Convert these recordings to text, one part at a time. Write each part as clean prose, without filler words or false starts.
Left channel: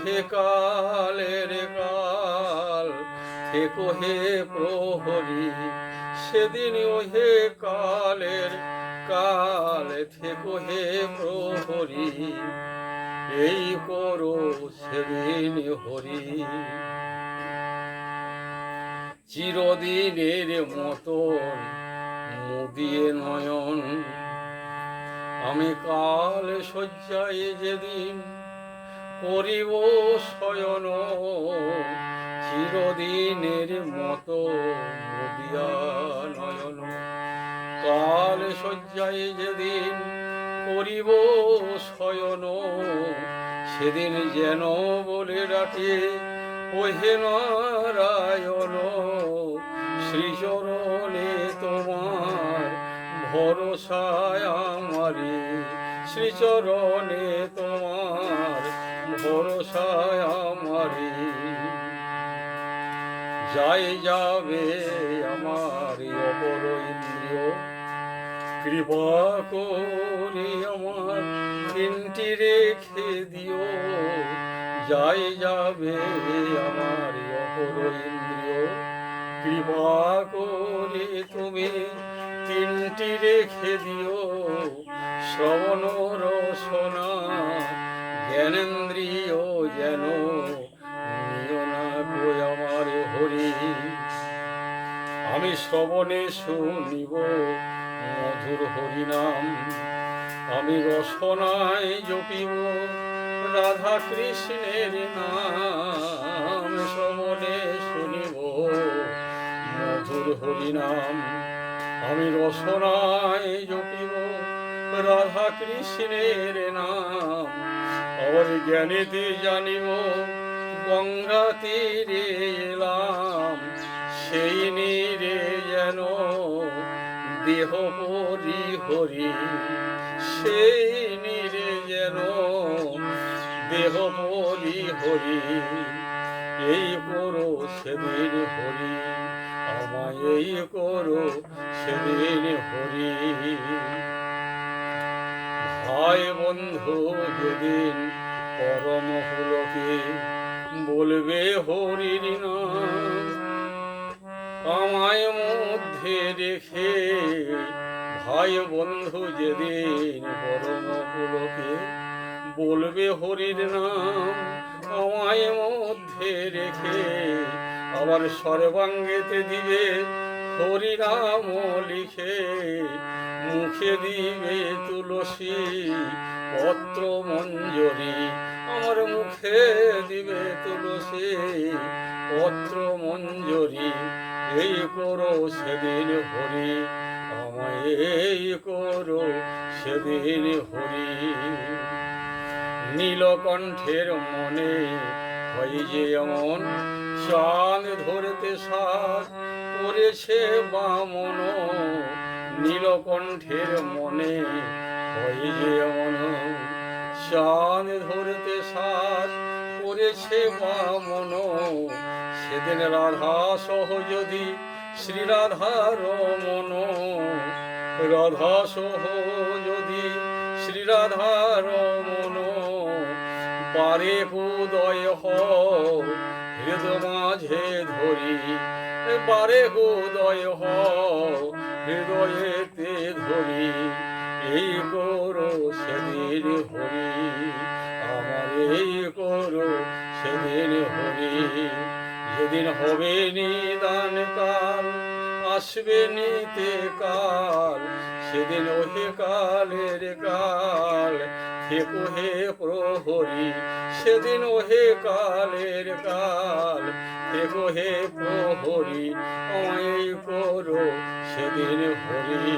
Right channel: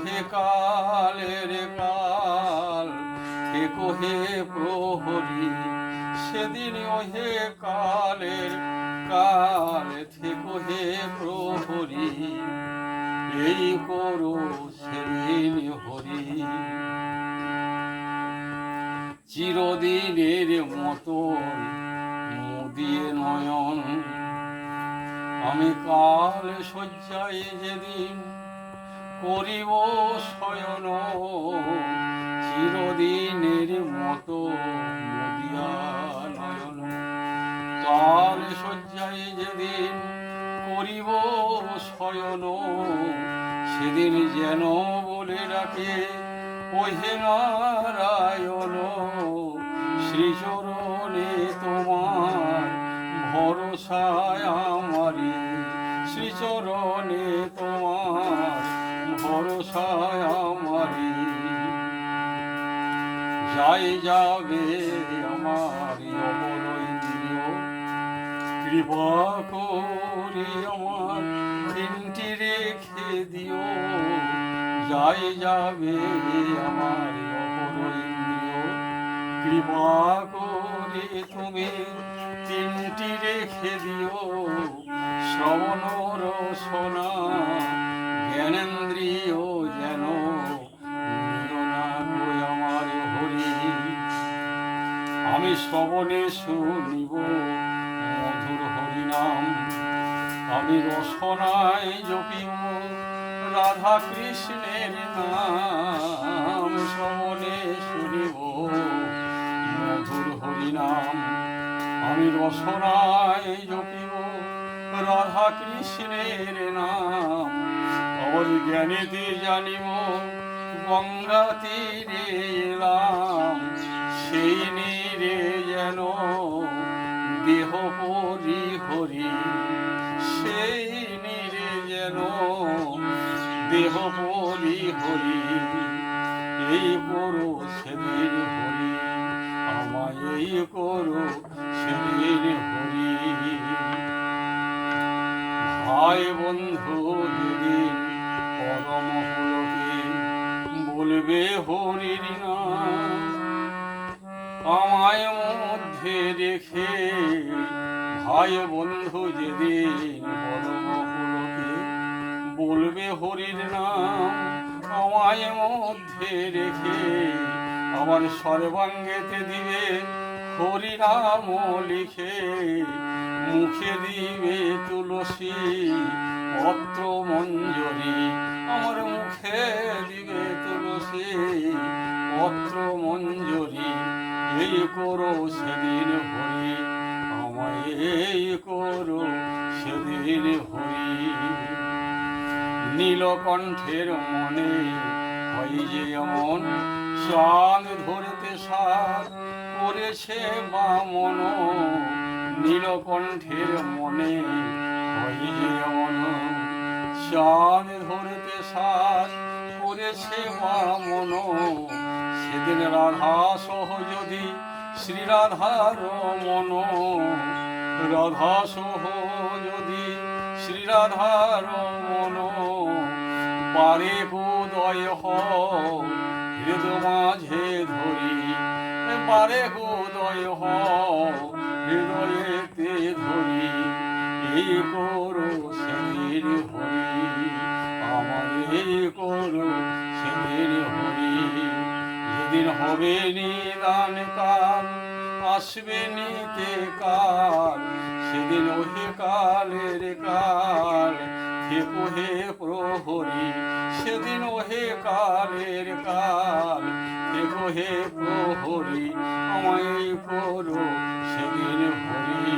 ওহে কালের কাল থেকো হে প্রহরী, সেদিন ওহে কালের কাল থেকো হে প্রহরী, এই করো সেদিন হরি। চিরদিনের মতন মুদিয়ে নয়ন, আমি কাল শয্যায় যেদিন করিব শয়ন, চিরদিনের মতো মুদিয়া নয়ন। কাল শয্যায় যেদিন করিব শয়ন, সেদিন যেন বলে ডাকে ওহে নারায়ণ, শ্রীচরণে তোমার ভরসায় আমারি, শ্রীচরণে তোমার ভরসায় আমারি। যাই যাবে আমার অপর ইন্দ্রিয়, কৃপা করে আমার দিনটি রেখে দিও। যাই যাবে আমার অপর ইন্দ্রিয়, কৃপা করে তুমি তিনটি রেখে দিও। শ্রবণ রসনা জ্ঞানেন্দ্রিয় যেন নিও না গো আমার হরি। আমি শ্রবণে শুনিব মধুর হরিনাম, আমি রসনায় জপিব রাধা কৃষ্ণের নাম। শ্রবণে শুনিব মধুর হরিনাম, আমি রসনায় জপিব রাধা কৃষ্ণের নাম। আর জ্ঞানেতে জানিব গঙ্গা তীরে এলাম, সেই নীরে যেন দেহ পরি হরি, সেই নীরে যেন দেহ পরি হরি। এই করো সেদিন হরি, আমায় এই করো সেদিন হরি। ভাই বন্ধু যেদিন পরম পুলকে বলবে হরির নাম, আমায় মধ্যে রেখে ভাই বন্ধু যেদিন পরম পুলকে বলবে হরির নাম, আমায় মধ্যে রেখে আবার সর্বাঙ্গেতে দিবে হরিনাম লিখে। মুখে দিবে তুলসী পত্র মঞ্জরি, আমার মুখে দিবে তুলসী পত্র মঞ্জরি। এই করো সেদিন হরি, আমায় এই করো সেদিন হরি। নীলকণ্ঠের মনে হয় যে এমন, চাঁদ ধরতে সার করেছে বামন। নীলকণ্ঠের মনে হয় যে এমন, চাঁদ ধরতে সার করেছে বামন। সেদিন রাধা সহ যদি শ্রীরাধার মন, রাধা সহ যদি শ্রীরাধার মন, পারে উদয় হও হৃদ মাঝে ধরি, পারে উদয় হও হৃদয়েতে ধরি। এই করো সেদিন হরি, আমার এই করো সেদিন হরি। যেদিন হবে নিদান কাল আসবে নিতে কাল, সেদিন ওহে কালের কাল থেকো হে প্রহরী, সেদিন ওহে কালের কাল থেকো হে প্রহরী। আমায় করো সেদিন হরি,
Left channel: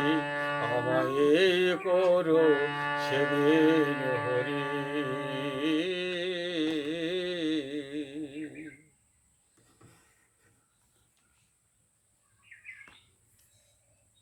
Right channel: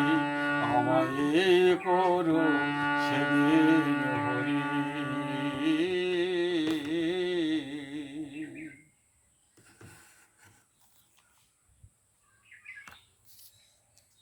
আমায় করো সেদিন হরি।